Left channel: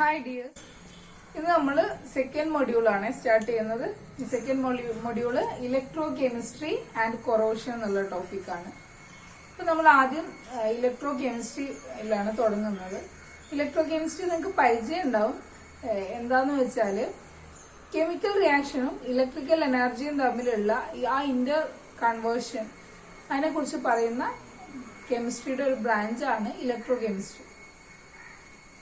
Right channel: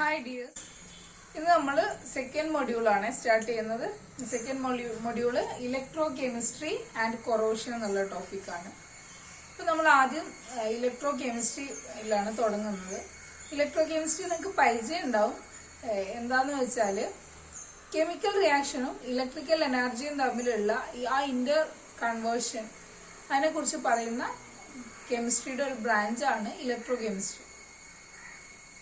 Hi dears, ഇന്ന് നമ്മൾ second മൊഡ്യൂളാണ് start ചെയ്യുന്നത്. Second module electro chemistry and corrosion എന്നുള്ള ടോപ്പിക്കാണ്. ഇപ്പോൾ നമ്മൾ ആദ്യം ഇലക്ട്രോ കെമിസ്ട്രിയിലാണ് തുടങ്ങുന്നത്. ഇലക്ട്രോ കെമിസ്ട്രി നിങ്ങൾക്ക് പരിചയം ഉണ്ടാവും. എന്താന്ന് വെച്ചാൽ കെമിക്കൽ റിയാക്ഷനും ഇലക്ട്രിക്കൽ എനർജിയും തമ്മിലുള്ള ആ ഇന്റർ കൺവേർഷൻ അതിനെക്കുറിച്ച് പറയുന്ന കെമിസ്ട്രിയുടെ ഒരു ബ്രാഞ്ചാണ് electrochemistry.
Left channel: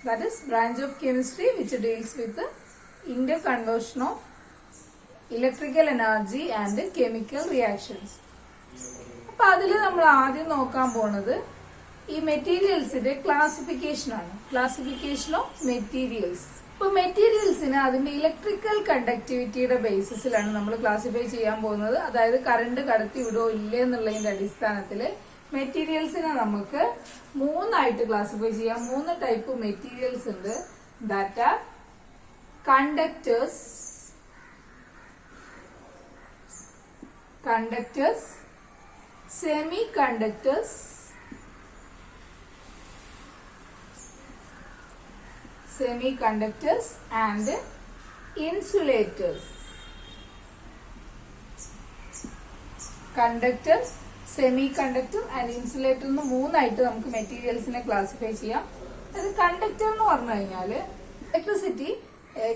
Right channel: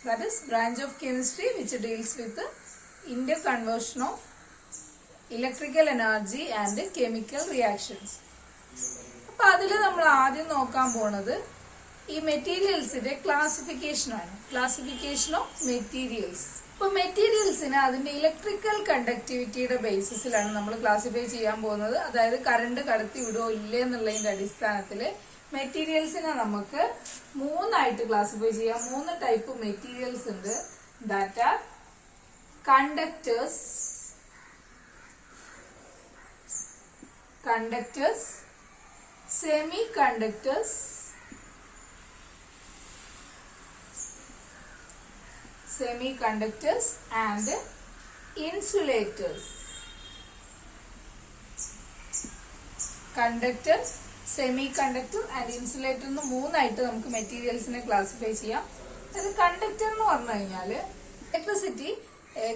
That is branch of chemistry which deals with the interconversion of electrical energy and chemical reactions. അപ്പോൾ അതിൽ നമ്മൾ ആദ്യം നോക്കാൻ പോണത് ഈ മെറ്റീരിയൽസിന്റെ ക്ലാസിഫിക്കേഷൻ ആണ്. Classification of materials. ഇപ്പോൾ മെറ്റീരിയൽസിന് അതിന്റെ ഇലക്ട്രിക്കൽ കണ്ടക്ടിവിറ്റിയുടെ ബേസിസിലാണ് നമ്മൾ ക്ലാസിഫൈ ചെയ്യാൻ പോകുന്നത്. അതായത് കറണ്ട് കടത്തി വിടോ ഇല്ലേ എന്നുള്ളതിന്റെ അടിസ്ഥാനത്തിൽ മെറ്റീരിയൽസിനെ നമുക്ക് മൂന്നായിട്ട് ക്ലാസിഫൈ ചെയ്യാം. മൂന്ന് ടൈപ്പ് മെറ്റീരിയൽസ് ഉണ്ട്. That are conductors, semi conductors and insulators. Conductor, semi conductor and insulator എന്ന് മൂന്നായിട്ട് നമുക്ക് മെറ്റീരിയൽസിനെ ക്ലാസിഫൈ ചെയ്യാം. അത് കണ്ടക്ടർ എന്ന് പറഞ്ഞു കഴിഞ്ഞാൽ ഇലക്ട്രിസിറ്റി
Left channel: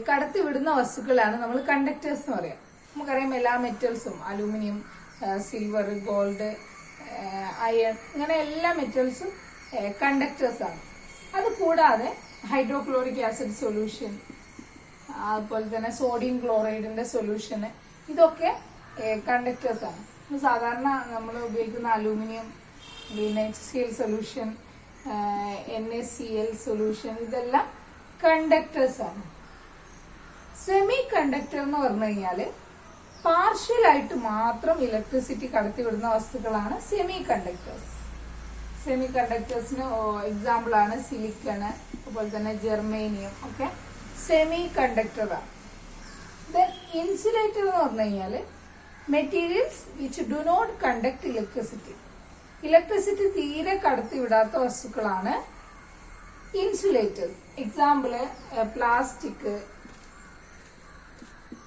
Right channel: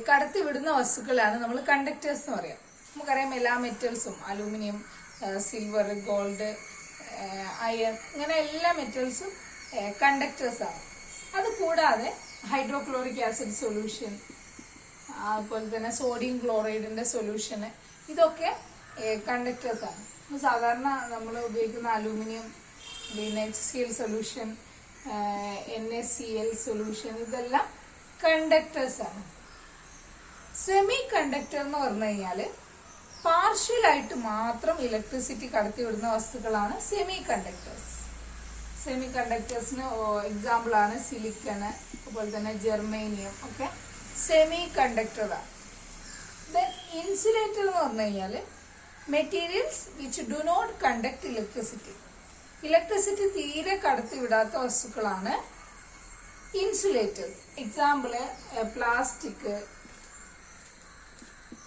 കടത്തിവിടുന്ന വസ്തുക്കളാണ് നമ്മൾ കണ്ടക്ടേഴ്സ് എന്ന് പറയാം. നമുക്കറിയാം എല്ലാ മെറ്റൽസും അലൂമിനിയം, സിൽവർ, ഗോൾഡ്, അയൺ, ഇങ്ങനെ എല്ലാ മെറ്റൽസും കണ്ടക്ടേഴ്സ് ആണ്. അത് കൂടാതെ ഹൈഡ്രോക്ലോറിക് ആസിഡ് സൊല്യൂഷൻ, അതുപോലെ തന്നെ സോഡിയം ക്ലോറൈഡിന്റെ സൊല്യൂഷൻ, ഇതൊക്കെ കണ്ടക്ടേഴ്സ് ആണ്. സാധാരണ നമ്മൾ ഉപയോഗിക്കുന്ന അലൂമിനിയം, പിന്നെ HCl സൊല്യൂഷൻ, NaCl സൊല്യൂഷൻ, ഇതെല്ലാം കണ്ടക്ടേഴ്സ് ആണ്. സെമി കണ്ടക്ടർ എന്ന് പറഞ്ഞു കഴിഞ്ഞാൽ പാർഷ്യലായിട്ട് മാത്രം ഇലക്ട്രിസിറ്റി കടത്തിവിടുന്ന വസ്തുക്കളാണ് സെമി കണ്ടക്ടേഴ്സ്. സെമി കണ്ടക്ടേഴ്സിന് എക്സാമ്പിൾ ആണ് സിലിക്കണ്, അതുപോലെ തന്നെ ജെർമേനിയം ഒക്കെ സെമി കണ്ടക്ടറാണ്. ദെൻ ഇൻസുലേറ്റർ എന്ന് പറഞ്ഞു കഴിഞ്ഞാൽ materials which do not conduct electricity. Electricity തീരെ കടത്തിവിടാത്ത വസ്തുക്കളാണ് ഇൻസുലേറ്റേഴ്സ്. എക്സാമ്പിള് പ്ലാസ്റ്റിക്,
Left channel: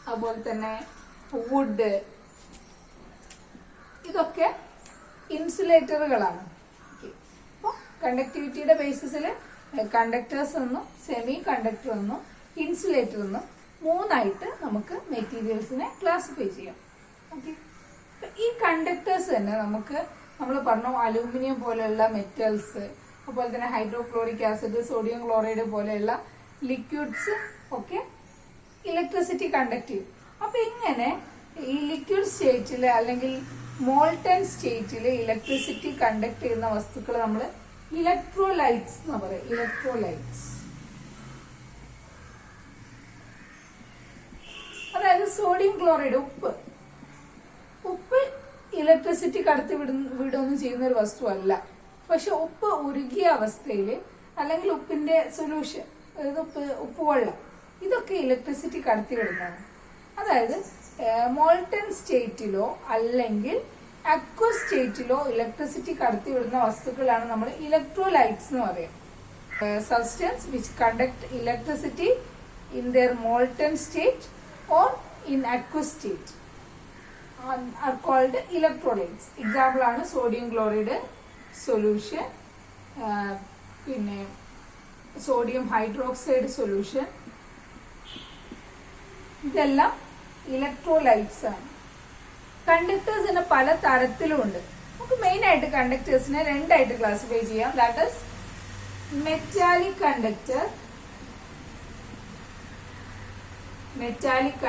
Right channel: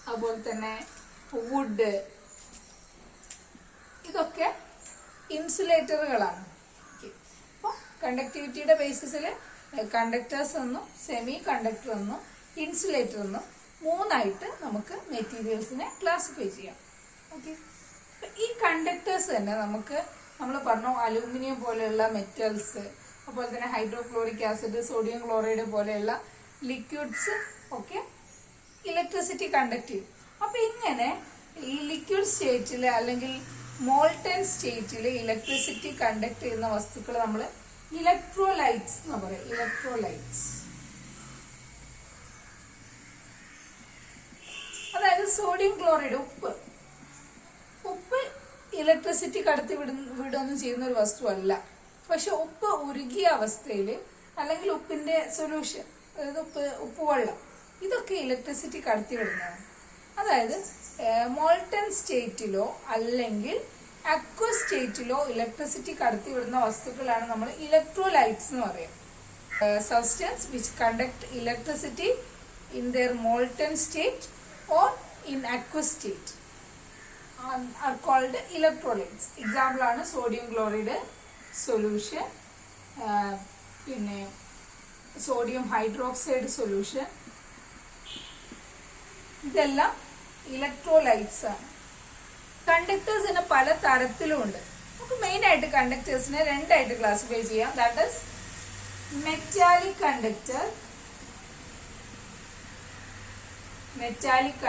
അതുപോലെ തന്നെ വുഡ്, ഇതൊക്കെ ഇൻസുലേറ്ററുകളാണ്. അപ്പോൾ കണ്ടക്ടിവിറ്റിയുടെ ബേസിസിൽ കണ്ടക്ടേഴ്സ് എന്നും സെമി കണ്ടക്ടർ എന്നും ഇൻസുലേറ്റർ എന്നും മൂന്നായിട്ട് നമുക്ക് മെറ്റീരിയൽസിനെ ക്ലാസിഫൈ ചെയ്യാം. ഈ കണ്ടക്ടേഴ്സ് തന്നെ നമുക്ക് നമ്മൾ പറഞ്ഞു അലൂമിനിയം പോലെയുള്ള മെറ്റൽസ്, അതുപോലെ തന്നെ ഹൈഡ്രോക്ലോറിക് ആസിഡ്, സോഡിയം ക്ലോറൈഡ് പോലെയുള്ള ലിക്വിഡ്സ് ഒക്കെ ഇലക്ട്രിസിറ്റി കണ്ടക്ട് ചെയ്യും. അപ്പൊ ഇങ്ങനെ ഈ ലിക്വിഡ് സ്റ്റേറ്റില് അല്ലെങ്കിൽ മോൾട്ടൻ സ്റ്റേറ്റില് ഇലക്ട്രിസിറ്റി കണ്ടക്ട് ചെയ്യുന്ന വസ്തുക്കൾ നമ്മൾ ഇലക്ട്രോലൈറ്റ്സ് എന്ന് പറയും. ഇലക്ട്രോലൈറ്റ്സ് അതായത് സോഡിയം ക്ലോറൈഡ്, ഉപ്പ് ഇലക്ട്രിസിറ്റി കടത്തി വിടുകയൊന്നും ചെയ്യുന്ന ഒരു വസ്തുവല്ല. പക്ഷെ ഉപ്പ് ഉരുകിയ അവസ്ഥയിൽ അല്ലെങ്കിൽ ഉപ്പിന്റെ സൊല്യൂഷൻ, അതായത് ഉപ്പുവെള്ളം, ഇതൊക്കെ ഇലക്ട്രിസിറ്റി കടത്തി വിടുന്നതാണ്. അതായത് മോൾട്ടൻ സ്റ്റേറ്റിലോ അല്ലെങ്കിൽ അക്വസ് സ്റ്റേറ്റിലോ ഇലക്ട്രിസിറ്റി കടത്തി വിടുന്ന വസ്തുക്കളാണ് നമ്മൾ ഇലക്ട്രോലൈറ്റ്സ് എന്ന് പറയുക. Substance which conduct electricity in there molten state or in aqueous state are called electrolytes. Example ആണ് സോഡിയം ക്ലോറൈഡ് സൊല്യൂഷൻ, പിന്നെ സോഡിയം ഹൈഡ്രോക്സൈഡ് സൊല്യൂഷൻ, ഇതെല്ലാം ഇലക്ട്രോലൈറ്റ്സ് ആണ്. കണ്ടക്ടേഴ്സിന് പല തരത്തിലുമുണ്ട്. നമുക്ക് മെയിൻ ആയിട്ട് കണ്ടക്ടേഴ്സിനെ രണ്ടായിട്ട് ക്ലാസിഫൈ ചെയ്യാം. That is metallic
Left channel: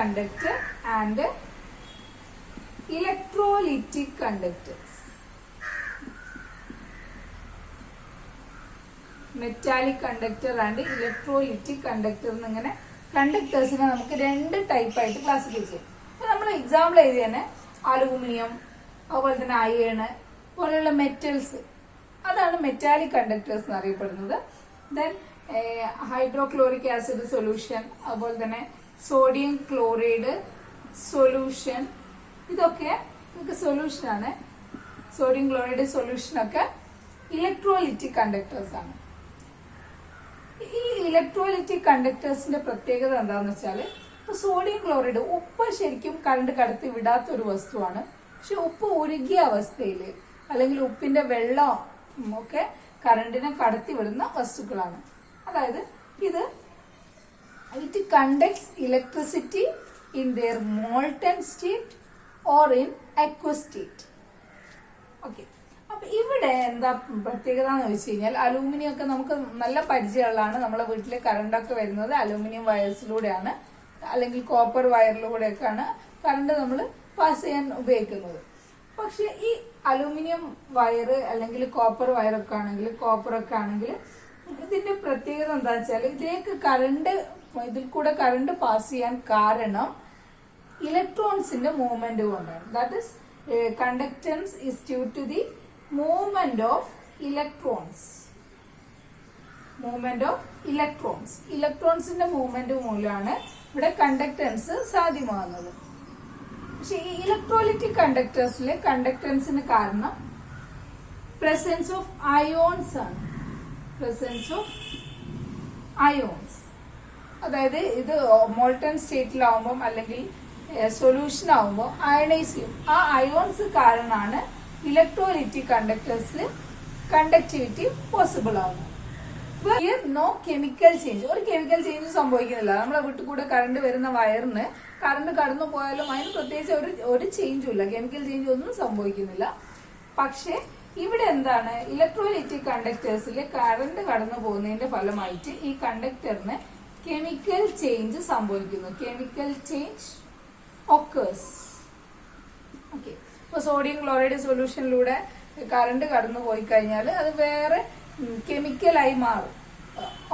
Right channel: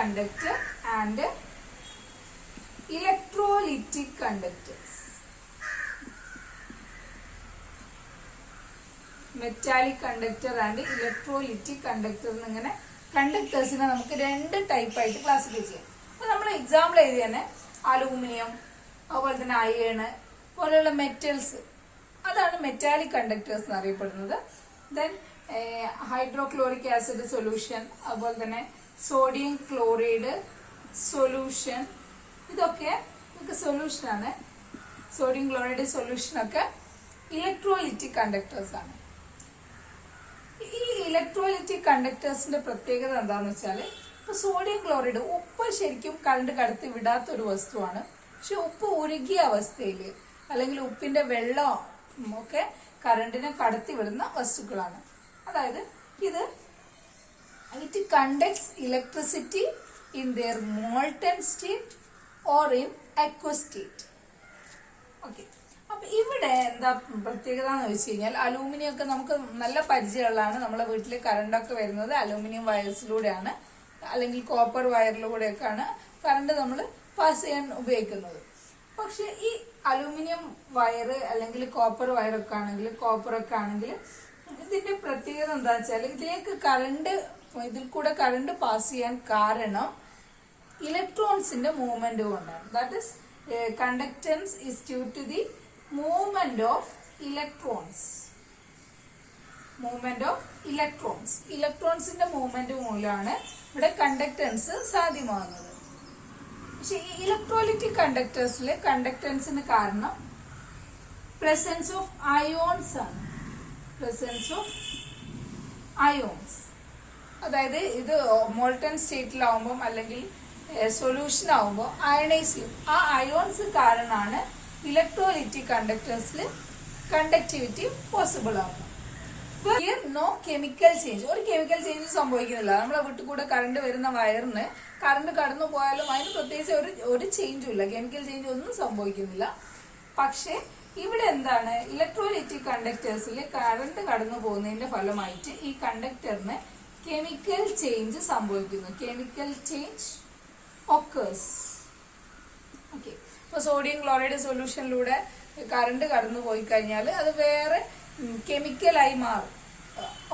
conductor and electrolytic conductors. Metallic conductor and electrolytic conductor എന്നിങ്ങനെ കണ്ടക്ടേഴ്സിനെ നമുക്ക് രണ്ട് ടൈപ്പായിട്ട് ക്ലാസിഫൈ ചെയ്യാം. അപ്പൊ നമ്മൾ എക്സാമ്പിൾ എഴുതി തന്നെ അലൂമിനിയം, അതുപോലെ തന്നെ അയേണ് പോലെയുള്ള മെറ്റൽസ്, അതാണ് മെറ്റാലിക് കണ്ടക്ടേഴ്സ് എന്ന് അറിയപ്പെടുന്നത്. ദെൻ ഹൈഡ്രോക്ലോറിക് ആസിഡ് സൊല്യൂഷൻ, അതുപോലെ തന്നെ സോഡിയം ക്ലോറൈഡ് സൊല്യൂഷൻ, ഇതൊക്കെ നമുക്ക് സൊല്യൂഷനാണ്. സോഡിയം ക്ലോറൈഡ് സൊല്യൂഷനൊക്കെ ഇലക്ട്രോലിറ്റിക് കണ്ടക്ടേഴ്സ് ആണ്. ഈ ഇലക്ട്രോലൈറ്റിക് കണ്ടക്ടേഴ്സിന്റെ പ്രത്യേകത എന്താണെന്ന് വെച്ചാൽ, ഇപ്പൊ സോഡിയം ക്ലോറൈഡ് ഉപ്പ് ശരിക്കും കറണ്ട് കടത്തി വിടാത്ത ഒരു വസ്തുവാണ്. പക്ഷെ ഉപ്പ് ഉരുകിയ അവസ്ഥയിൽ അല്ലെങ്കിൽ ഉപ്പിന്റെ വെള്ളം ഒക്കെ കറണ്ടിനെ കടത്തി വിടുന്ന വസ്തുക്കളാണ്. അതായത് it conducts electricity in their molten state or in aqueous state. Okay, അപ്പൊ ഇവിടെ എന്താ പ്രത്യേകത എന്ന് വെച്ച് കഴിഞ്ഞാൽ, അലൂമിനിയം ഒക്കെ നമുക്ക് നല്ല പരിചയമുള്ളതാണ്. നമ്മളെ വീട്ടിൽ കറണ്ടൊക്കെ വരുന്നത് അലൂമിനിയം വയർസിലൂടെയാണ്, അല്ലെങ്കിൽ കോപ്പർ വയറിലൂടെയൊക്കെയാണ് കറണ്ട് നമ്മൾ പാസ് ചെയ്യാൻ ഉപയോഗിക്കുന്നത്. പക്ഷെ ഈ അലൂമിനിയം വയർ അല്ലെങ്കിൽ കോപ്പർ വയറൊക്കെ ആണെങ്കിൽ, കോപ്പറൊക്കെ ആണെങ്കിൽ ഇതിന്റെ പ്രത്യേകത എന്താ വെച്ചാൽ, ഇതിൽ കൂടെ കറണ്ട് പാസ് ചെയ്യാൻ കാരണം ഇലക്ട്രോൺസിന്റെ മൂവ്മെന്റ് കൊണ്ടാണ്. That is conductance is due to the movement of electrons. ഇലക്ട്രോൺസിന്റെ മൂവ്മെന്റ് മൂലമാണ് ഇവിടെ കണ്ടക്ടൻസ് സാധ്യമാകുന്നത്. പക്ഷെ ഈ ഇലക്ട്രോലൈറ്റിക് കണ്ടക്ടേഴ്സിലെ കണ്ടക്ടൻസിന് കാരണം പ്രസൻസ് ഓഫ് അയോൺസ് ആണ്. അതായത് ഇത് മോൾട്ടൺ സ്റ്റേറ്റിലാവുമ്പോൾ അല്ലെങ്കിൽ സൊല്യൂഷൻ ആവുമ്പോൾ അയണൈസ് ചെയ്യും. ആ അയോൺസ് കാരണമാണ് ഇലക്ട്രോലൈറ്റിക് കണ്ടക്ടേഴ്സിൽ കണ്ടക്ടിവിറ്റി പോസിബിൾ ആവുന്നത്. നോ കെമിക്കൽ ചേഞ്ച്, ഒരു കെമിക്കൽ ചേഞ്ച് സംഭവിക്കുന്നില്ല. നമ്മളെ വീട്ടിൽ കൂടെ കറണ്ട് വരുന്ന വയറിന് കറണ്ട് കടന്നു പോയാലും അതിന് പ്രത്യേകിച്ച് ഒരു ചേഞ്ചും ഇല്ല, കെമിക്കൽ ചേഞ്ച് ഒന്നും സംഭവിക്കുന്നില്ല. പക്ഷെ ഇവിടെ എന്താണ്, ഇലക്ട്രോലൈറ്റിക് കണ്ടക്ടേഴ്സിൽ കറണ്ട് കടന്നു പോകുന്നതിന്റെ ഫലമായിട്ട് ഈ കണ്ടക്ടറിന് കെമിക്കൽ ചേഞ്ച് സംഭവിക്കുന്നു. Chemical change occurs. ഓക്കെ, ഇപ്പൊ സോഡിയം ക്ലോറൈഡ് സൊല്യൂഷനിലൂടെ കറണ്ട് കടന്നു പോയി കഴിഞ്ഞാൽ അത് വേറെ കെമിക്കലായി മാറും.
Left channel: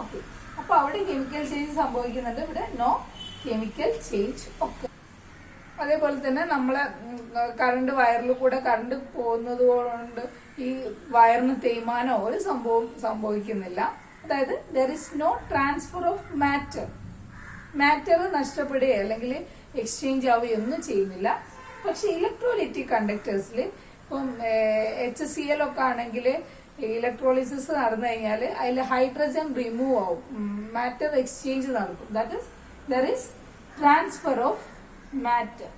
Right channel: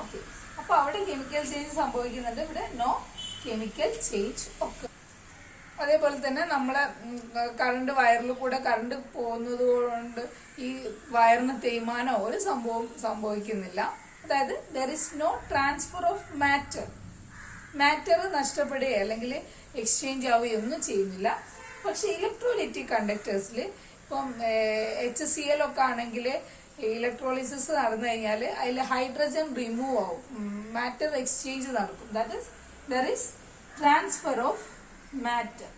ഓക്കെ, അപ്പൊ അവിടെ കെമിക്കൽ ചേഞ്ച് സംഭവിക്കുന്നുണ്ട്, ഇവിടെ നോ കെമിക്കൽ ചേഞ്ച് ഒക്കെ. അതേപോലെ തന്നെ നമ്മളെ കറണ്ട് വയറിൽ കൂടെ കറണ്ട് പോകുന്നത് കൊണ്ട് ഈ വയറിന് തേയ്മാനോ ഒരു സംഭവം സംഭവിക്കുന്നില്ല. അതായത് there is no transfer of matter നഷ്ടപ്പെടുകയോ അല്ലെങ്കിൽ എക്സ്ചേഞ്ച് ആവുകയോ ഒന്നും ചെയ്യുന്നില്ല. പക്ഷെ ഇലക്ട്രോലൈറ്റിക് കണ്ടക്ടേഴ്സിൽ ഇപ്പം HCl ഒക്കെ ആണെങ്കിൽ ഇലക്ട്രോളിസിസ് നടന്നു കഴിഞ്ഞാൽ അതിൽ ഹൈഡ്രജൻ റിമൂവ് ആവും, മാറ്റർ എക്സ്ചേഞ്ച് നടക്കും. That is there is transfer of matter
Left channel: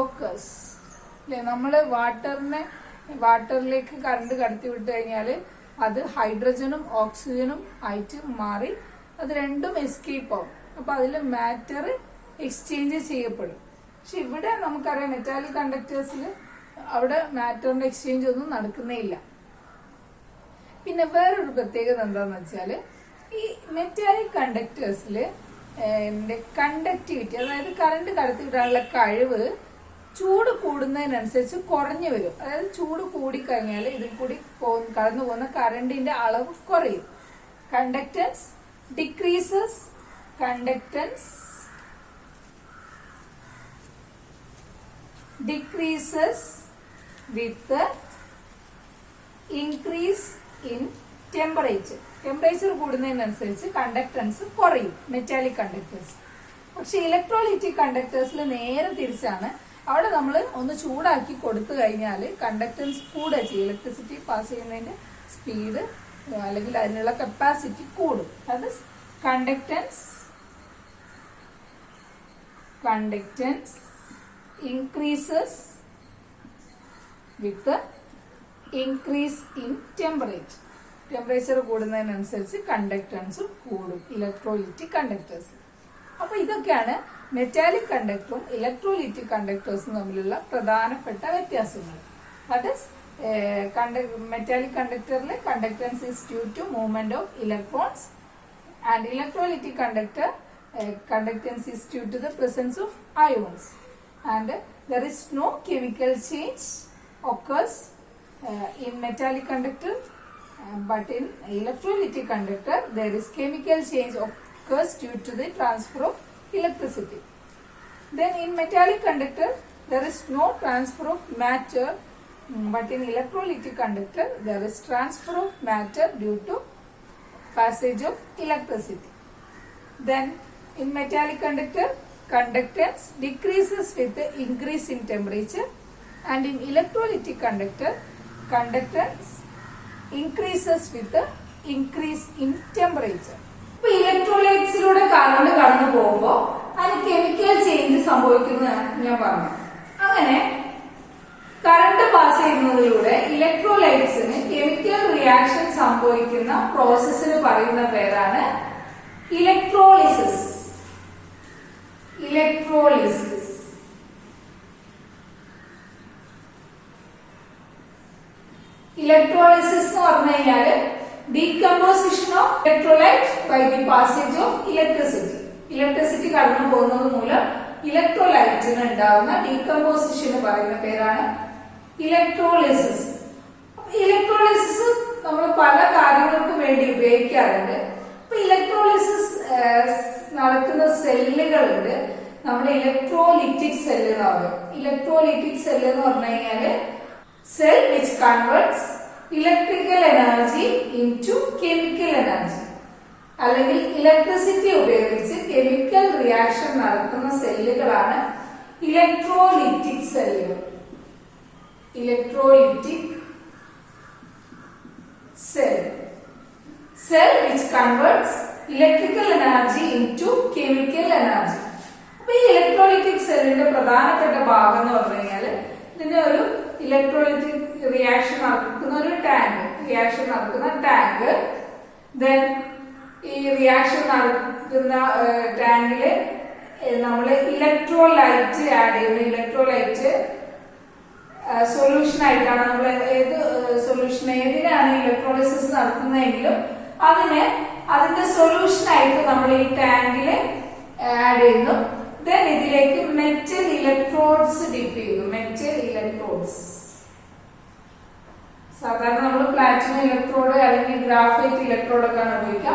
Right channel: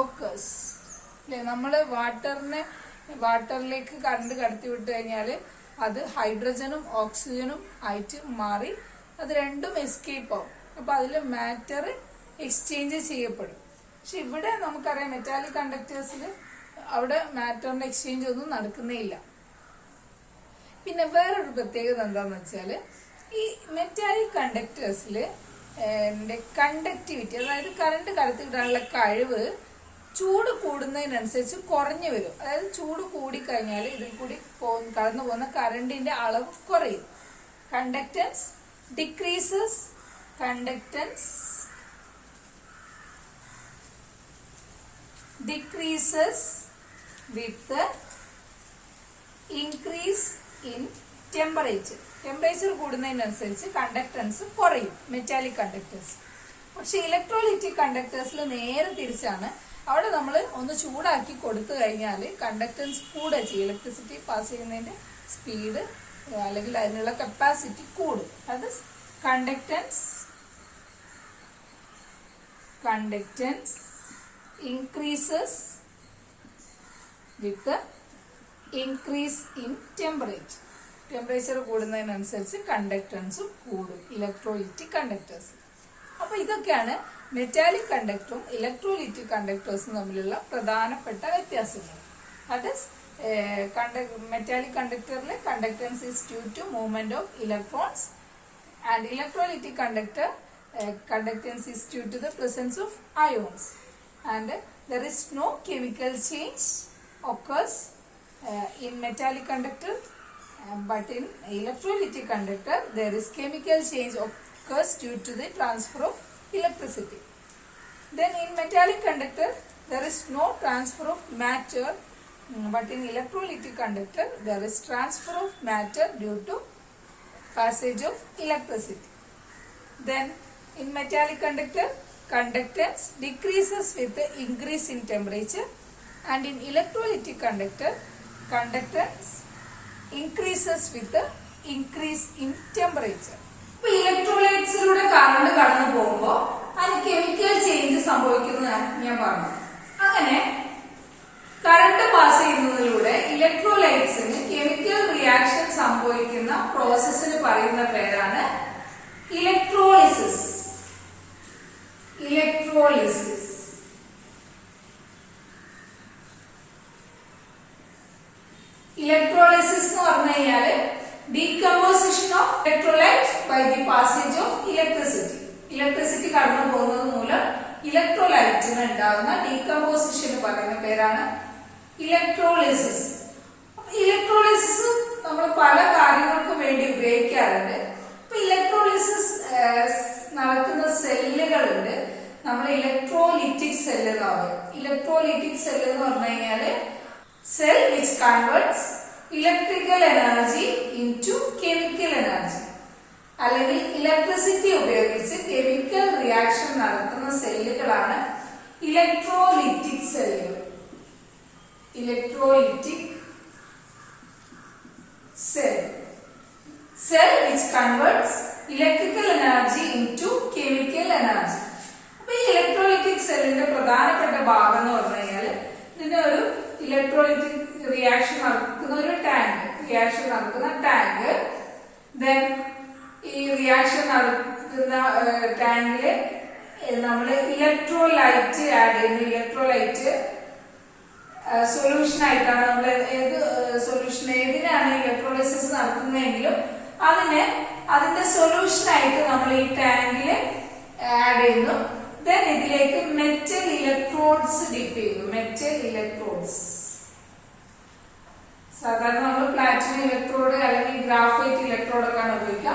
occurs. അല്ലെ, നമ്മള് വാട്ടറിലേക്ക് കറണ്ട് കടത്തി വിട്ട് കഴിഞ്ഞാൽ അത് ഹൈഡ്രജനും ഓക്സിജനും ആയിട്ട് മാറി അത് രണ്ടും എസ്കേപ്പ് ആവും. അപ്പൊ അതിൽ മാറ്റർ എക്സ്ചേഞ്ച് ചെയ്യപ്പെടും. പക്ഷെ ഇവിടെ നമുക്കറിയാം മെറ്റാലിക് കണ്ടക്ടേഴ്സിൽ അവിടെ മാറ്ററിന്റെ എക്സ്ചേഞ്ച് ഒന്നും നടക്കുന്നേ ഇല്ല. പിന്നെ വേറൊരു പ്രത്യേകത എന്താന്ന് വെച്ചാൽ, ഈ മെറ്റാലിക് കണ്ടക്ടേഴ്സിൽ കണ്ടക്ടിവിറ്റി, അതായത് കറണ്ട് കടത്തിവിടാനുള്ള കഴിവ് ചൂട് കൂടുന്നതിനനുസരിച്ച് കുറഞ്ഞു വരും. അതായത് ചൂട് കൂടിക്കഴിഞ്ഞാൽ ഇതിൽ കൂടി കടന്നു പോകുന്ന കറണ്ടിന്റെ അളവ് കുറയും. Conductance decreases with increase in temperature കൂടുന്നതിനനുസരിച്ച് കണ്ടക്ടൻസ് കുറയും മെറ്റാലിക് കണ്ടക്ടേഴ്സ്. പക്ഷെ ഇലക്ട്രോലൈറ്റിക് കണ്ടക്ടേഴ്സിൽ നേരെ തിരിച്ചാണ്. അവിടെ നമ്മൾ ഒന്ന് ചൂടാക്കി കൊടുത്തു കഴിഞ്ഞാൽ കണ്ടക്ടൻസ് കൂടുക ചെയ്യും. ഇലക്ട്രിസിറ്റി പാസ് ചെയ്യുന്നതിന്റെ സ്പീഡ് അല്ലെങ്കിൽ അതിനുള്ള കപ്പാസിറ്റി കൂടും. അത് conductance increases with increase in temperature കൂടുന്നതിനനുസരിച്ച് കണ്ടക്ടൻസും കൂടും ഇലക്ട്രോലൈറ്റിക് കണ്ടക്ടേഴ്സ്. അപ്പൊ ഇതൊക്കെയാണ് മെറ്റാലിക് കണ്ടക്ടറും ഇലക്ട്രോലൈറ്റിക് കണ്ടക്ടേഴ്സും തമ്മിലുള്ള പ്രധാനപ്പെട്ട വ്യത്യാസങ്ങൾ. ദാറ്റ് ഈസ് മെറ്റാലിക് കണ്ടക്ടറിലെ conductance is due to movement of electrons and electrolytic conductor conductance is due to the presence of ions and there is no chemical change occurs in metallic conductor, but in electrolytic conductor there is chemical change occurs due to the transfer of electricity. Then in metallic conductor there is no transfer of matter, but in electrolytic conductor there is transfer of matter due to passage of electricity. Then in metallic conductor, conductance decreases with the increase in temperature and in electrolytic conductor, conductance increases with the increase in temperature. ഇപ്പൊ ഇലക്ട്രോലൈറ്റ്സിലൂടെ current കടന്നു പോകുമ്പോൾ അതിന് chemical change സംഭവിക്കുന്ന ഞാൻ പറഞ്ഞു. അങ്ങനെ current pass ചെയ്യുന്നതിലൂടെ ഇലക്ട്രോലൈറ്റ്സിന് chemical reaction സംഭവിക്കുന്ന പ്രോസസ്സിന് പറയുന്ന പേരാണ് ഇലക്ട്രോളിസിസ്. ഇലക്ട്രോളിസിസ്. ഇലക്ട്രോളിസിസ് എന്ന് പറഞ്ഞു കഴിഞ്ഞാല് decomposition of electrolyte by the passage of electricity. Electricity കടന്നു പോകുന്നത് മൂലം ഇലക്ട്രോലൈറ്റിന് ഉണ്ടാകുന്ന ഡീകമ്പോസിഷന് പറയുന്ന പേരാണ് ഇലക്ട്രോളിസിസ്. ഇലക്ട്രോളിസിസ് നമ്മൾ പല കാര്യങ്ങൾക്കും വേണ്ടി ഉപയോഗിക്കാറുണ്ട്. അപ്പൊ ഇലക്ട്രോളിസിസ് നടക്കുന്ന സെല്ലുകളുണ്ട്. നമ്മൾ ഇലക്ട്രോലിറ്റിക് സെല്ല് എന്ന് പറയും. ഇലക്ട്രോലിറ്റിക് സെല്ല് എന്ന് പറഞ്ഞു കഴിഞ്ഞാല് cell which converts electrical energy into chemical energy, അല്ലെങ്കിൽ ഇലക്ട്രിസിറ്റി ഉപയോഗിച്ച് കെമിക്കൽ റിയാക്ഷൻ നടത്തുന്ന സെല്ലുകളാണ് ഇലക്ട്രോലിറ്റിക് സെല്ലുകൾ. Electrolytic cell. Cell which converts electrical energy into chemical energy. അപ്പൊ ഈ ഇലക്ട്രോലിറ്റിക് സെല്ലിന്റെ പ്രധാനപ്പെട്ട ഭാഗം എന്ന് പറഞ്ഞു കഴിഞ്ഞാല് ഇതിന്റെ ഒരു ഇലക്ട്രോലിറ്റിക് റിയാക്ഷൻ നടക്കുന്ന ഒരു ടാങ്ക്. ദെൻ ഈ റിയാക്ഷൻ നടക്കുന്ന ടാങ്കില് നമ്മള് ഇലക്ട്രോലൈറ്റ് ആഡ് ചെയ്യുന്നു. ഇലക്ട്രോലൈറ്റ് സൊല്യൂഷൻ ആയിട്ടാണ് നമ്മൾ ഏതിനാണ് ഇലക്ട്രോളിസിസ് നടത്തുന്നതെങ്കിലും അതിന്റെ സൊല്യൂഷൻ ആയിട്ട് നമ്മൾ ഈ ടാങ്കില് ആഡ് ചെയ്യുന്നു. ദെൻ ഇതിലേക്ക് മെറ്റൽ ഇലക്ട്രോഡ്സ് ഡിപ്പ് ചെയ്യുന്നു. മെറ്റൽ ഇലക്ട്രോഡ്സ് സാധാരണ നമ്മൾ പ്ലാറ്റിനം ഇലക്ട്രോഡ് അല്ലെങ്കിൽ ഗ്രാഫൈറ്റ് ഇലക്ട്രോഡ് ഒക്കെയാണ് ഉപയോഗിക്കുക.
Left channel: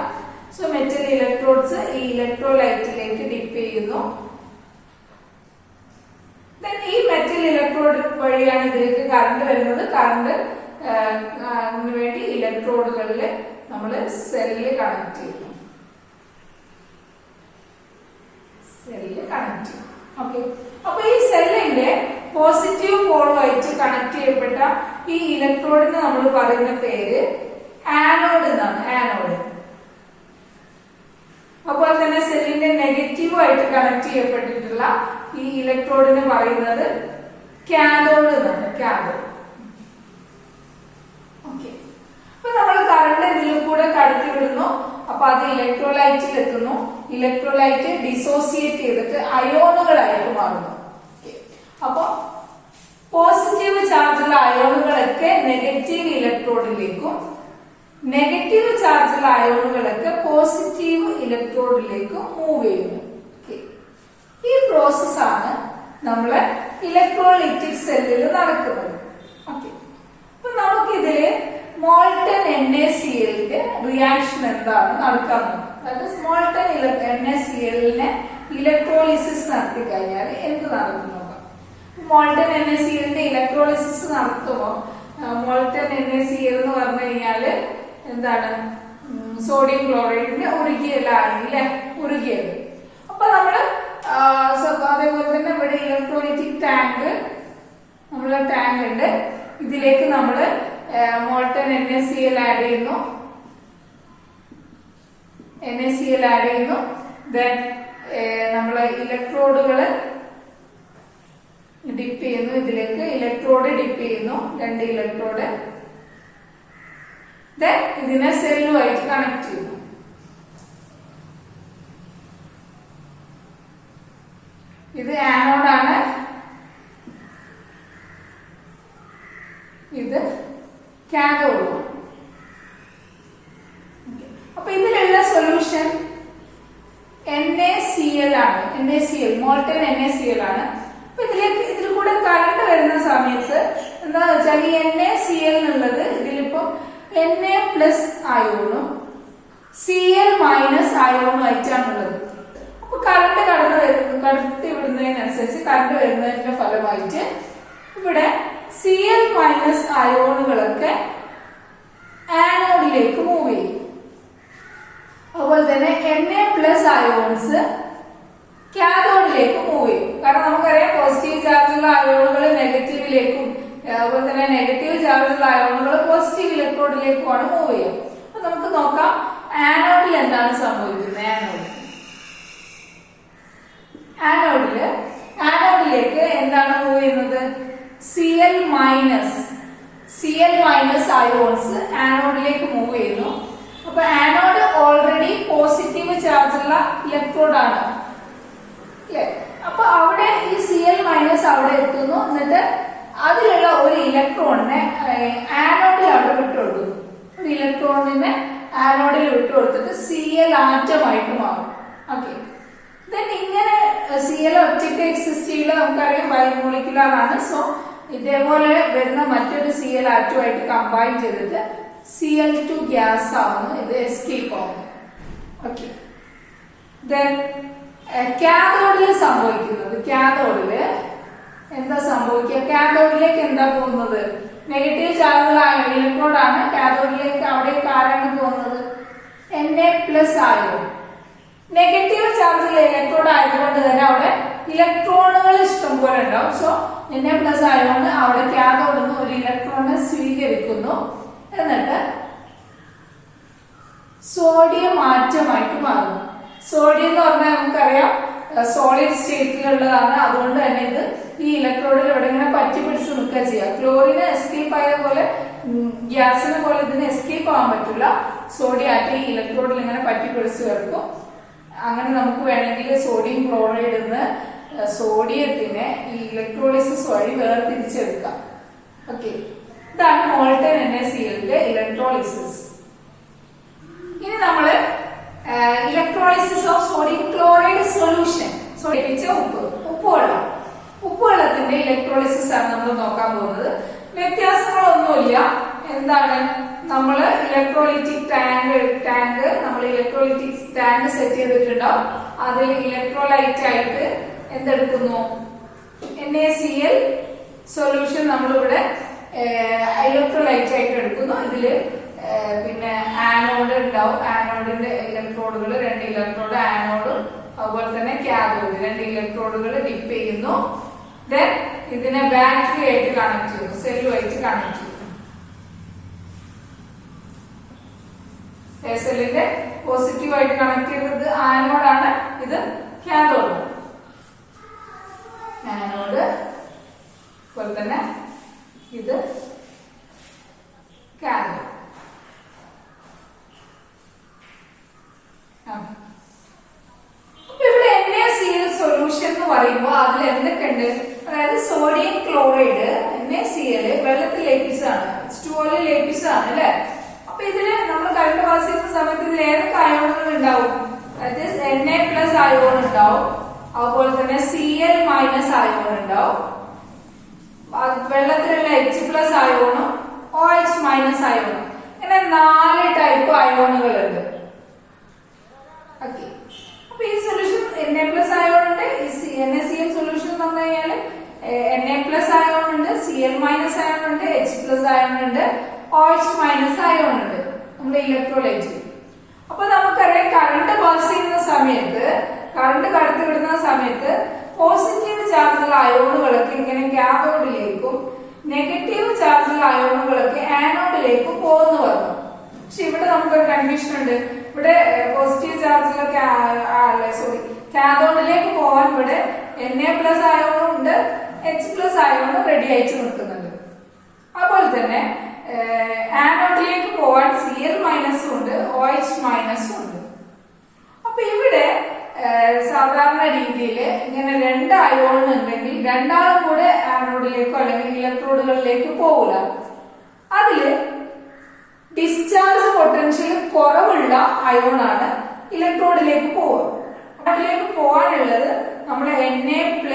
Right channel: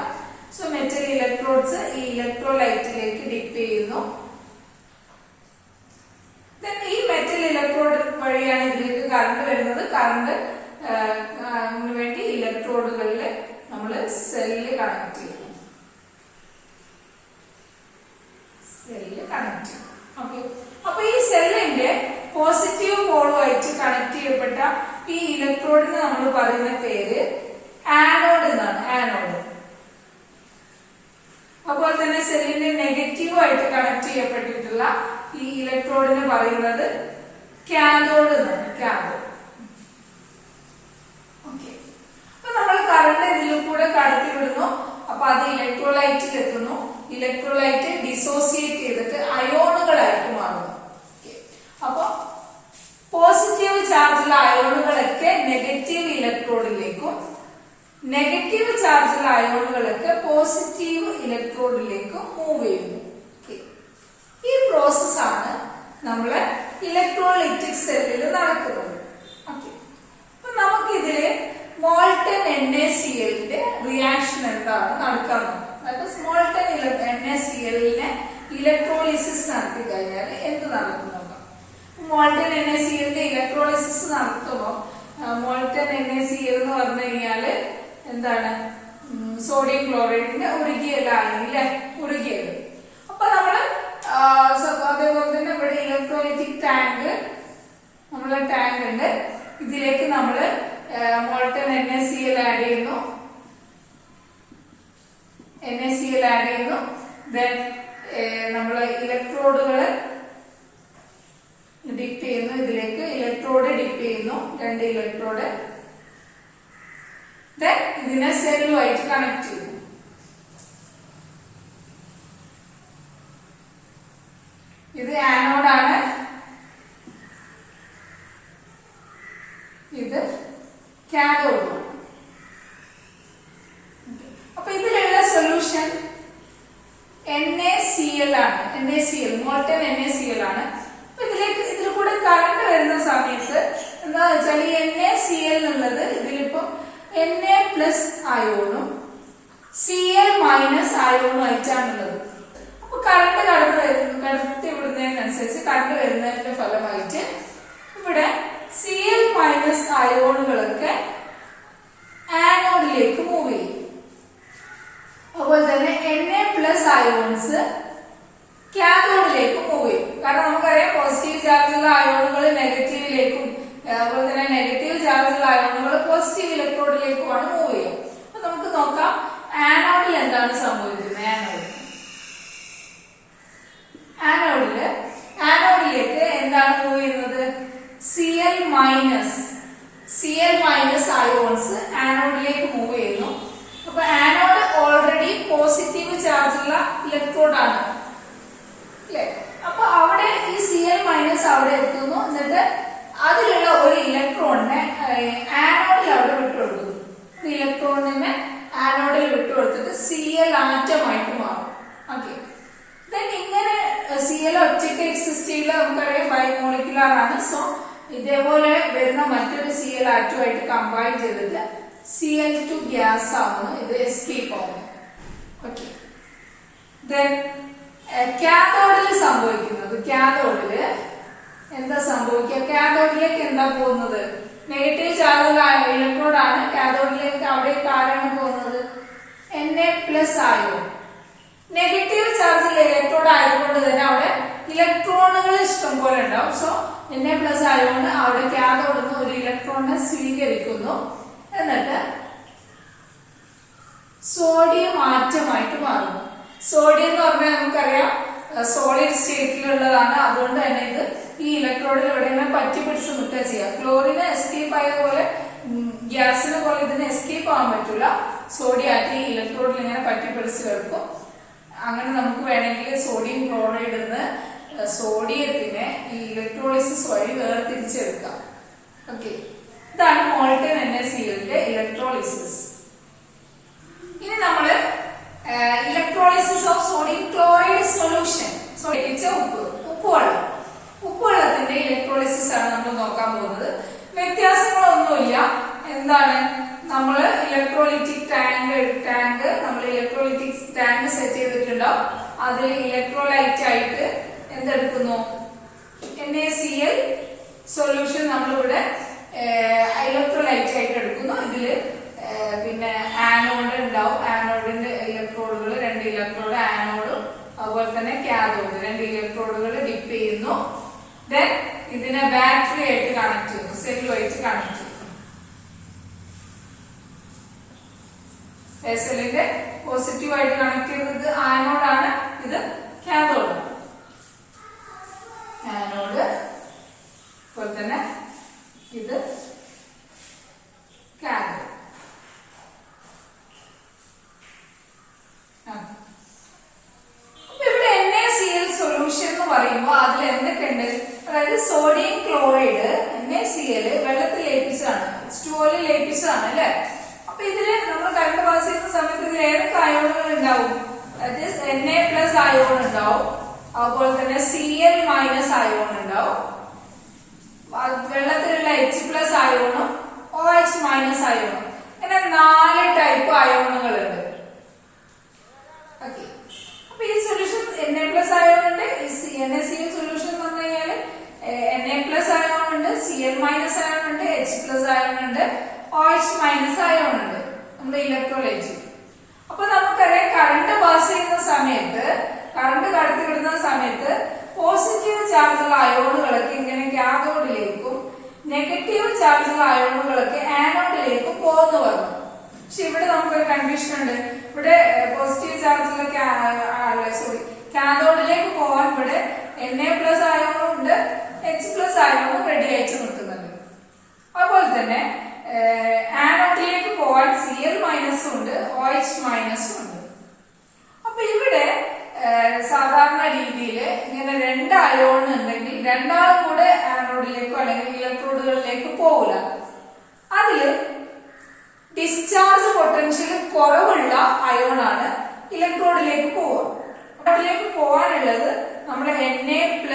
സോ മെറ്റൽ ഇലക്ട്രോഡ്സ് ഈ ഇലക്ട്രോലൈറ്റിലേക്ക് ഡിപ്പ് ചെയ്യുന്നു. ഈ മെറ്റൽ ഇലക്ട്രോഡ് വഴിയാണ് ഇതിലേക്ക് കറണ്ട് വരുന്നത്. കറണ്ട് വേണ്ടി ഇലക്ട്രോഡുകളിൽ നമ്മൾ സെല്ല് കണക്ട് ചെയ്യും. ഓക്കെ. അപ്പൊ ഈ സെല്ലിന്റെ പോസിറ്റീവ് പോളുമായിട്ട് കണക്ട് ചെയ്യപ്പെട്ട ഈ ഇലക്ട്രോഡിന് നമ്മൾ പറയുന്ന പേര് ആനോഡ് എന്നാണ്. ആനോഡ്. അതുപോലെ തന്നെ സെല്ലിന്റെ നെഗറ്റീവ് ആയിട്ട് കണക്ട് ചെയ്യപ്പെട്ടിട്ടുള്ള ഈ ഇലക്ട്രോഡിന് പറയുന്നത് കാഥോഡ് എന്നാണ്. കാഥോഡ്. ഓക്കെ. അപ്പൊ നമ്മൾ കറണ്ട് ഇതിൽ കൂടെ കടത്തി വിടുന്നു. അപ്പൊ അത് ഇലക്ട്രോലൈറ്റിൽ എത്തുന്നു. ഇലക്ട്രോലൈറ്റ് ഡിസോസിയേറ്റ് ചെയ്തിട്ട് അയോണുകളായിട്ട് മാറുന്നു. അപ്പൊ പോസിറ്റീവ് ചാർജുള്ള അയോണുകളൊക്കെ നെഗറ്റീവ് ഇലക്ട്രോഡിലേക്കും നെഗറ്റീവ് ചാർജുള്ള അയോണുകളൊക്കെ പോസിറ്റീവ് ഇലക്ട്രോഡിലേക്കും മൂവ് ചെയ്യുന്നു. ഈ പ്രോസസ്സാണ് നമ്മളെ ഇലക്ട്രോലൈറ്റിക് സെല്ലിൽ നടക്കുന്നത്. ഓക്കെ. അപ്പൊ നമുക്കിതില് മോൾട്ടൺ NaClന്റെ റിയാക്ഷൻ എന്താണ് നടക്കുന്നത്? മോൾട്ടൺ NaClനെ ഇലക്ട്രോളിസിസ് നടത്തി കഴിഞ്ഞാൽ എന്ത് നടക്കുന്നു? മോൾട്ടൺ NaClന്റെ ഇലക്ട്രോളിസിസ് നടത്തുമ്പോൾ മോൾട്ടൺ NaCl എന്ന് പറഞ്ഞു കഴിഞ്ഞാല് എന്താണ്? സോഡിയം ക്ലോറൈഡിന്റെ ഉരുകിയ ലായനി, ഉരുകിയത്. അപ്പൊ നമ്മള് അതേപോലെ തന്നെ ഇവിടെ ഇലക്ട്രോലൈറ്റിക് ടാങ്ക് ഉണ്ട്. ഇതിലേക്ക് നമ്മള് മോൾട്ടൺ NaCl ആഡ് ചെയ്യുന്നു. ദെൻ നമ്മള് ഇലക്ട്രോഡുകള് ഡിപ്പ് ചെയ്യുന്നു. ഇതിലേക്ക് ഇലക്ട്രോഡ് ഡിപ്പ് ചെയ്യുന്നു. 2 ഇലക്ട്രോഡ്. ദെൻ ഇതിനെ സെല്ലുമായിട്ട് കണക്ട് ചെയ്യുന്നു. ഇത് ആനോഡാണ്. ഇത് കാഥോഡ്. അപ്പൊ ഇതിലുള്ള സൊല്യൂഷൻ NaCl ആണ്. മോൾട്ടൺ NaCl ആണ്. അപ്പൊ ഇതിൽ കൂടെ കറണ്ട് വരുന്ന സമയത്ത് എന്താ വെച്ചാൽ ഈ NaCl എന്നുള്ളത് ഇതിലിപ്പോ Na പ്ലസ് അയോണും Cl മൈനസ് അയോണും ആയിട്ടാണുള്ളത്. അപ്പൊ കറണ്ട് കടത്തി വിടുന്നതിനനുസരിച്ച് കറണ്ട് വരുന്നതിന്റെ ഫലമായിട്ട് ഇവിടെ Cl മൈനസ് അയോണുകളൊക്കെ ആനോഡിലേക്ക് മൂവ് ചെയ്യും. അതുപോലെ തന്നെ Na പ്ലസ് അയോൺസ് കാഥോഡിലേക്ക് മൂവ് ചെയ്യും. കാരണം നമുക്കറിയാം പോസിറ്റീവ് ചാർജുള്ള അയോണുകൾ നെഗറ്റീവ് നെഗറ്റീവിലേക്കും അതുപോലെ തന്നെ നെഗറ്റീവ് ചാർജുള്ള അയോണുകൾ പോസിറ്റീവ് ഇലക്ട്രോഡിലേക്കുമാണ് മൂവ് ചെയ്യുക. അപ്പൊ നമുക്ക് നോക്കാം ആനോഡിൽ എന്താണ് സംഭവിക്കുന്നത്. ആനോഡിലേക്ക് എന്താണ് മൂവ് ചെയ്യുന്നത്? Cl മൈനസ് അയോൺസ് ആനോഡിലേക്ക് മൂവ് ചെയ്യുന്നു. അപ്പൊ ആനോഡ് ഓൾറെഡി പോസിറ്റീവ് ചാർജുള്ള ഇലക്ട്രോഡാണ്. അപ്പൊ അവിടെ ഈ Cl മൈനസ് അവിടെ എത്തുന്നു. എന്നിട്ട് അതിലുള്ള ഒരു ഇലക്ട്രോണിനെ ആനോഡിൽ അവിടെ വിട്ടുകൊടുക്കുന്നു. ഒരു ഇലക്ട്രോണിനെ ആനോഡിൽ വിട്ടുകൊടുത്തിട്ട് Cl ആറ്റമായിട്ട് മാറും. ഓക്കെ, ഇങ്ങനെ Cl ഒറ്റയ്ക്ക് എക്സിസ്റ്റ് ചെയ്യില്ല, നമുക്കറിയാം ബൈമോളിക്കുലർ ആണ്. സോ ഇതേപോലെ വരുന്ന മറ്റൊരു Cl ആറ്റമായിട്ട് കമ്പൈൻ ചെയ്തിട്ട് Cl2 ഗ്യാസ് ആവുന്നു, ഇത് എസ്കേപ്പ് ആവുന്നു. ഓക്കെ, കാഥോഡിൽ സംഭവിക്കുന്നത്, കാഥോഡില് എന്താ സംഭവിക്കുക? കാഥോഡിലേക്ക് എന്താ പോകുന്നത്? നെഗറ്റീവ് ചാർജുള്ള ഇലക്ട്രോഡാണ്. കാഥോഡിലേക്ക് അവിടെ ആരാണ് പോകുന്നത്? Na+ ആയോൺ. നെഗറ്റീവ് ചാർജുള്ള ഇലക്ട്രോഡ് ആയതുകൊണ്ട് തന്നെ അവിടെ ഇലക്ട്രോണുകൾ ഇഷ്ടം പോലെ ഉണ്ടാവും. സോ Na+ ആയോണ്ട് അവിടെ കാഥോഡിൽ നിന്ന് ഒരു ഇലക്ട്രോണിനെ സ്വീകരിക്കുന്നു. എന്നിട്ട് സോഡിയം ആറ്റമായിട്ട് മാറുന്നു. സോഡിയം എന്ന് പറഞ്ഞാൽ നമുക്കറിയാം സോളിഡ് സ്റ്റേറ്റിലുള്ളതാണ്. അതുകൊണ്ട് തന്നെ ഇത് ഈ ഇലക്ട്രോഡിൽ ഇവിടെ ഇങ്ങനെ പറ്റി പിടിച്ച് നിൽക്കുക ചെയ്യുക. ക്ലോറിന് എസ്കേപ്പ് ആയ പോലെ ഗ്യാസിനെ പോലെ ഇതിന് എസ്കേപ്പ് ആവാൻ പറ്റില്ല. സോഡിയം ആറ്റ് ഈ ഇലക്ട്രോഡിൽ ഇങ്ങനെ പറ്റി പിടിച്ച് കിടക്കും. അങ്ങനെ നമുക്ക് വേണമെങ്കിൽ സോഡിയം ക്ലോറൈഡ് നിന്ന് സോഡിയത്തിനെ ഈ ഇലക്ട്രോളിസിസ് വഴി വേർതിരിച്ചെടുക്കാം. ഓക്കെ, ഇതാണ് മോൾട്ടൻ NaClന്റെ ഇലക്ട്രോളിസിസ്. ഇനി നമ്മള് electrolysis of sodium chloride solution, ഉപ്പുവെള്ളത്തിന്റെ ഇലക്ട്രോളിസിസ് ആണ് നമ്മൾ നോക്കാൻ പോകുന്നത്. വ്യത്യാസങ്ങളൊന്നുമില്ല. എന്താണ്, നമ്മള് ഇലക്ട്രോലിറ്റിക് ടാങ്ക് നമ്മൾ ഇലക്ട്രോലിറ്റിക് ടാങ്ക് സെറ്റ് ചെയ്തിട്ടുണ്ടാവും. അതിൽ ഇലക്ട്രോലൈറ്റ് ആയിട്ട് എന്തെടുക്കുന്നു? NaCl സൊല്യൂഷൻ നമ്മളിവിടെ ഇലക്ട്രോലൈറ്റ് ആയിട്ട് എടുക്കുന്നു. ഇതില് പിന്നെ ആനോഡ് ഉണ്ടാവും. ആനോഡിന്റെ ഇലക്ട്രോഡുകൾ 2 ഇലക്ട്രോഡ് ആനോഡും അതുപോലെ തന്നെ കാഥോഡ് 2 ഇലക്ട്രോഡുകൾ ഡിപ്പ് ചെയ്യുന്നു. ദെൻ ഇതിനെ ബാറ്ററി ആയിട്ട് കണക്ട് ചെയ്യുന്നു, സെല്ലുമായിട്ട് കണക്ട് ചെയ്യുന്നു. സെല്ലിന്റെ പോസിറ്റീവ് ആയിട്ട് കണക്ട് ചെയ്തത് ആനോഡാണ്, ഇത് കാഥോഡ്. ആനോഡ് അതുപോലെ തന്നെ ഇത് കാഥോഡ്. ഇവിടെ NaCl സൊല്യൂഷൻ എന്ന് പറയുമ്പോൾ അതിൽ എന്തൊക്കെയുണ്ട്? അതായത് സോഡിയം ക്ലോറൈഡ് NaCl വെള്ളത്തിൽ ലയിപ്പിച്ചതാണ്, H2O ലയിപ്പിച്ചതാണ് അല്ലെ. അപ്പൊ ഇതില് നമ്മൾ കറണ്ട് പാസ് ചെയ്യുന്ന സമയത്ത് ഇതിൽ ഏതൊക്കെ അയോണുകൾ ഉണ്ടാവും? അതായത് Na+ അയോൺ ഉണ്ടാവും, അതുപോലെ തന്നെ Cl- അയോൺ ഉണ്ടാവും, വെള്ളത്തിലുള്ള H+ അയോണും OH- അയോണും. ഇങ്ങനെ 4 ടൈപ്പ് അയോണുകൾ ഉണ്ട്. ഓക്കെ, അപ്പൊ ഈ സൊല്യൂഷൻ Na+ അയോൺ ഉണ്ട്. NaCl സൊല്യൂഷൻ എന്ന് പറഞ്ഞു കഴിഞ്ഞാല് Na+ അയോൺ ഉണ്ട്, Cl- അയോൺ ഉണ്ട്, H+ അയോൺ ഉണ്ട്, OH- അയോൺ ഉണ്ട് നമ്മുടെ ഇലക്ട്രോലൈറ്റ്. അപ്പൊ നമുക്കറിയാം കറണ്ട് പാസ് ചെയ്യുന്ന സമയത്ത്, കറണ്ട് കടത്തിവിടുന്ന സമയത്ത് പോസിറ്റീവ് ചാർജുള്ള അയോണുകളൊക്കെ ഇങ്ങനെ കാഥോഡിലേക്കും നെഗറ്റീവ് ചാർജുള്ള അയോണുകളൊക്കെ ആനോഡിലേക്കും പോകുന്നു പറഞ്ഞു. പക്ഷെ ഇവിടെ നമുക്കൊരു കൺഫ്യൂഷൻ ഉണ്ട്. ഇവിടെ പോസിറ്റീവ് ചാർജുള്ള കാഥോഡിലേക്ക് പോകാൻ ഇവിടെ Na+ അയോണും ഉണ്ട്, H+ അയോണും റെഡി ആയിട്ട് നിൽക്കുന്നുണ്ട്. അതുപോലെ തന്നെ ആനോഡിലേക്ക് പോകാൻ Cl- ഉണ്ട്, OH- ഉണ്ട്. അപ്പൊ ഇവിടെ സാധാരണ രീതിയിൽ ഇങ്ങനെ 2 അയോൺ ഉണ്ടെങ്കിൽ രണ്ടാളും കൂടെ ആനോഡിലേക്കോ അല്ലെങ്കിൽ ഇലക്ട്രോഡുകളിലേക്ക് പോകില്ല. അതില് ഡിസ്ചാർജ് പൊട്ടൻഷ്യൽ കുറവുള്ള അയോണാണ് ഇലക്ട്രോഡിലേക്ക് പോവുക. അതിലേക്ക് പോകാനുള്ളത് നമ്മുടെ Na+ഉം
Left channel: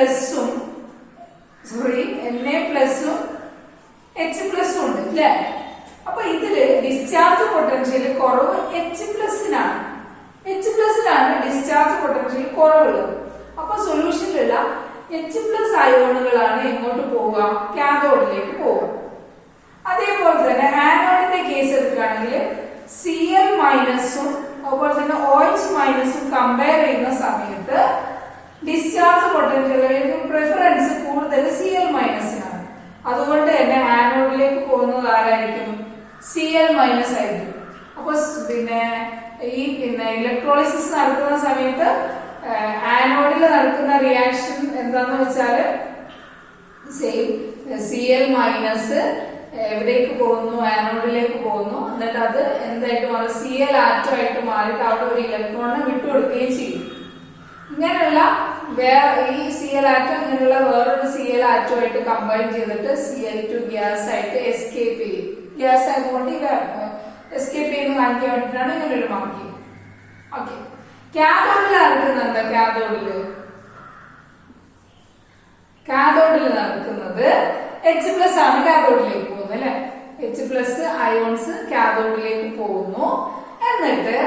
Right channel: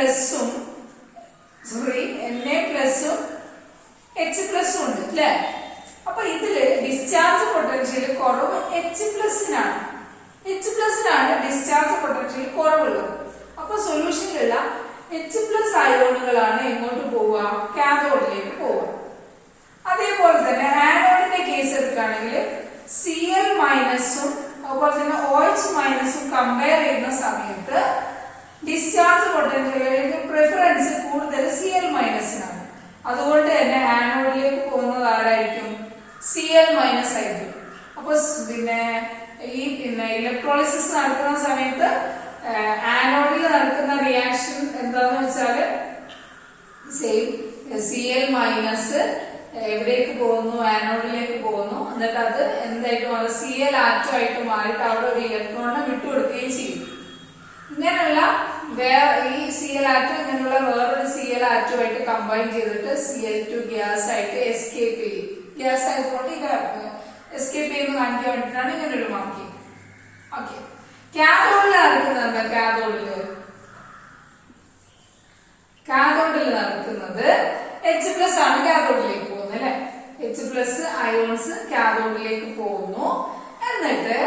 H+ ഉണ്ട് അല്ലെ. അപ്പൊ ഇതില് ഡിസ്ചാർജ് പൊട്ടൻഷ്യൽ കുറവ് H+നാണ്. H+നാണ് ഡിസ്ചാർജ് പൊട്ടൻഷ്യൽ കുറവുള്ളത്. അപ്പൊ സൊല്യൂഷനിലുള്ള H+ അയോണുകളാണ് എങ്ങോട്ട് പോവുക? കാഥോഡിലേക്ക് പോവുക. അതേപോലെ തന്നെ ആനോഡിന്റെ കേസ് എടുക്കുകയാണെങ്കിൽ Cl- അതുപോലെ തന്നെ OH- കമ്പയർ ചെയ്യുന്ന സമയത്ത് ഡിസ്ചാർജ് പൊട്ടൻഷ്യൽ പ്രിഫറൻസ് കൂടുതൽ Cl- Cl മൈനസ് ആയിരിക്കും. അപ്പൊ പിന്നെ ഈ ഇലക്ട്രോളിസിസ് നടക്കുന്ന സമയത്ത് ആനോഡിൽ നടക്കുന്ന റിയാക്ഷൻ എന്താന്ന് വെച്ചാല് സെയിം Cl മൈനസ് എവിടേക്ക് പോകുന്നു, ആനോഡിലേക്ക് പോകുന്നു. എന്നിട്ട് അത് എന്തായിട്ട് മാറും, Cl ആറ്റം ആയിട്ട് മാറിയിട്ട് അവിടെ ഒരു ഇലക്ട്രോണിനെ വിട്ടുകൊടുക്കുകയും ചെയ്യും. ഇങ്ങനെയുള്ള ഈ Cl ആറ്റം ഇങ്ങനെയുള്ള വേറൊരു Cl ആറ്റമായിട്ട് കമ്പൈൻ ചെയ്തിട്ട് Cl2 ഗ്യാസ് ആയിട്ട് എസ്കേപ്പ് ചെയ്യും. ഗ്യാസ് ആയതുകൊണ്ട് ഇത് എസ്കേപ്പ് ചെയ്യുന്ന കാണിക്കാൻ വേണ്ടിയിട്ടാണ് ഇങ്ങനെ ഒരു മാർക്കിങ്. ഓക്കെ, കാഥോഡിൽ നടക്കുന്നത് എന്താ? കാഥോഡിൽ നടക്കുന്നത് H+ ആണ് കാഥോഡിലേക്ക് പോകുന്നത് അല്ലെ. H+ അയോൺസ് കാഥോഡിലേക്ക് പോകുന്നു. എന്നിട്ട്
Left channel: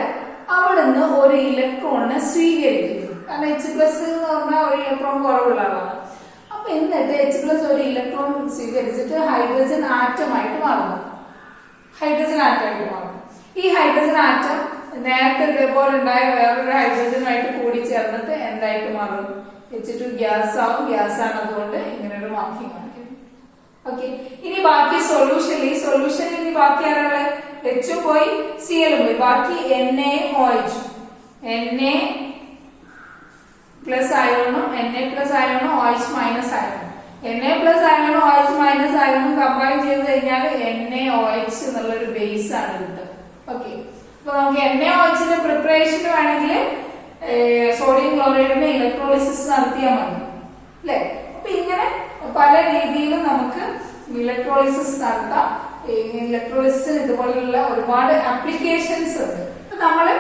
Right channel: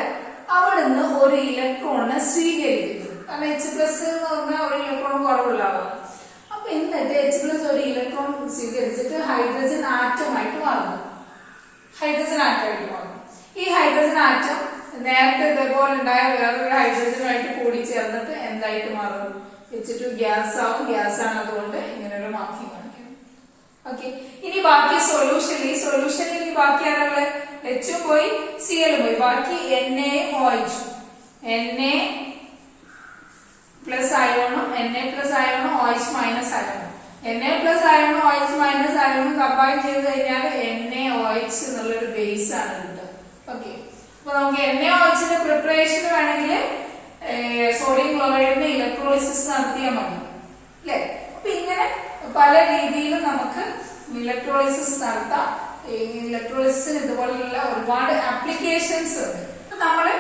അവിടുന്ന് ഒരു ഇലക്ട്രോണിനെ സ്വീകരിക്കുന്നു. കാരണം H+ എന്ന് പറഞ്ഞാൽ ഒരു ഇലക്ട്രോൺ കുറവുള്ളതാണ്. അപ്പൊ എന്നിട്ട് H+ ഒരു ഇലക്ട്രോൺ സ്വീകരിച്ചിട്ട് ഹൈഡ്രജൻ ആറ്റമായിട്ട് മാറുന്നു. ഈ ഹൈഡ്രജൻ ആറ്റം നേരത്തെ ഇതേപോലെ ഉണ്ടായ വേറൊരു ഹൈഡ്രജനുമായിട്ട് കൂടി ചേർന്നിട്ട് എന്തായിട്ട് മാറും? H2 ഗ്യാസ് ആവും. ഗ്യാസ് ആണ്, അതുകൊണ്ട് ഇങ്ങനെ ഒരു മാർക്കിംഗ് കാണിക്കും. ഓക്കെ, ഇനി ബാക്കി സൊല്യൂഷൻ. ഈ സൊല്യൂഷനിൽ ഇനി ബാക്കി ആരാണ്? H പോയി, Cl പോയി, ബാക്കി Na OH. Na പ്ലസ് അയോണും OH മൈനസ് അയോണും. Na പ്ലസ് അയോണും OH മൈനസ് അയോണും കമ്പൈൻ ചെയ്ത് കഴിഞ്ഞാൽ NaOH എന്നുള്ളൊരു ബേസ് ആണ് കിട്ടുക. ഓക്കെ, അപ്പൊ നമുക്ക് NaOH പ്രിപ്പറേഷൻ വേണമെങ്കിൽ സോഡിയം ക്ലോറൈഡിന് ഇലക്ട്രോളിസിസ് നടത്തിയാൽ മതി അല്ലെ. അപ്പൊ ഇങ്ങനെ പല രീതിയിലും നമുക്ക് ഇലക്ട്രോളിസിസ് നടത്താം. ഇലക്ട്രോളിസിന് ഇതുപോലുള്ള ഒരുപാട് ആപ്ലിക്കേഷൻസ് ഉണ്ട്. നമ്മള്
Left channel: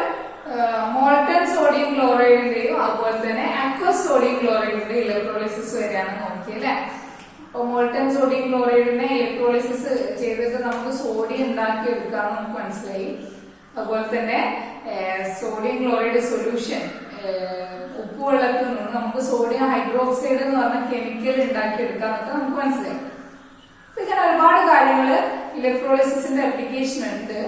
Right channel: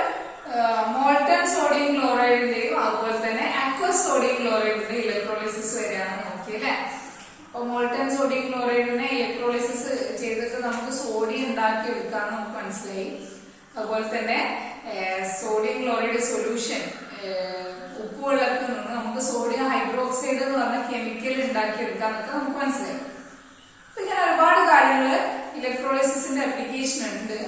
മോൾട്ടൺ സോഡിയം ക്ലോറൈഡിന്റെയും അതുപോലെ തന്നെ അക്വസ് സോഡിയം ക്ലോറൈഡിന്റെ ഇലക്ട്രോളിസിസ് വരെയാണ് നോക്കിയല്ലേ. അപ്പൊ മോൾട്ടൺ സോഡിയം ക്ലോറൈഡിനെ ഇലക്ട്രോളിസിസ് ചെയ്തിട്ട് നമുക്ക് സോഡിയം ഉണ്ടാക്കി എടുക്കാമെന്ന് നമുക്ക് മനസ്സിലായി. അതുപോലെ തന്നെ സോഡിയം ക്ലോറൈഡ് സൊല്യൂഷൻ ഉപ്പുവെള്ളത്തിൽ നിന്ന് നമുക്ക് സോഡിയം ഹൈഡ്രോക്സൈഡ് എന്ന് പറഞ്ഞ കെമിക്കൽ ഉണ്ടാക്കി എടുക്കാന്നൊക്കെ നമുക്ക് മനസ്സിലായി. ഇങ്ങനെ ഒരുപാട് കാര്യങ്ങള് ഇലക്ട്രോളിസിന്റെ ആപ്ലിക്കേഷൻ ഉണ്ട്.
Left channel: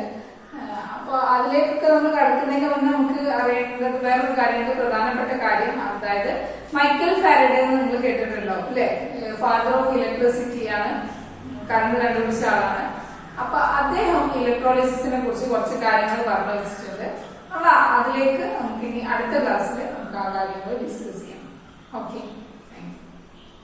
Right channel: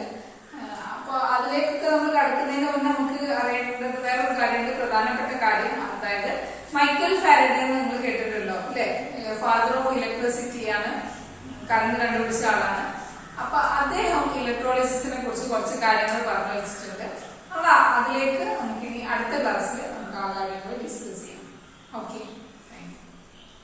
അപ്പൊ അതിലേക്കൊക്കെ നമ്മൾ കടക്കുന്നതിന് മുന്നേ നമുക്ക് അറിയേണ്ടത് വേറൊരു കാര്യമുണ്ട്, പ്രധാനപ്പെട്ട കാര്യം. അതായത് മൈക്കൽ ഫാരഡേ എന്ന് നിങ്ങൾ കേട്ടിട്ടുണ്ടാവും അല്ലെ. ഫാദർ ഓഫ് ഇലക്ട്രിസിറ്റിയാണ്, കറണ്ട് കണ്ടുപിടിച്ച ആളാണ്. അപ്പൊ അദ്ദേഹം ഇലക്ട്രോളിസിസിനെ കുറിച്ച് കുറച്ച് കാര്യങ്ങൾ പറഞ്ഞു വെച്ചിട്ടുണ്ട്. നമ്മൾ അതിലേക്ക് നമുക്ക് ഇനി അടുത്ത ക്ലാസ്സിൽ നമുക്ക് ആ കാര്യങ്ങൾ ഡിസ്കസ് ചെയ്യാം. ഓക്കെ.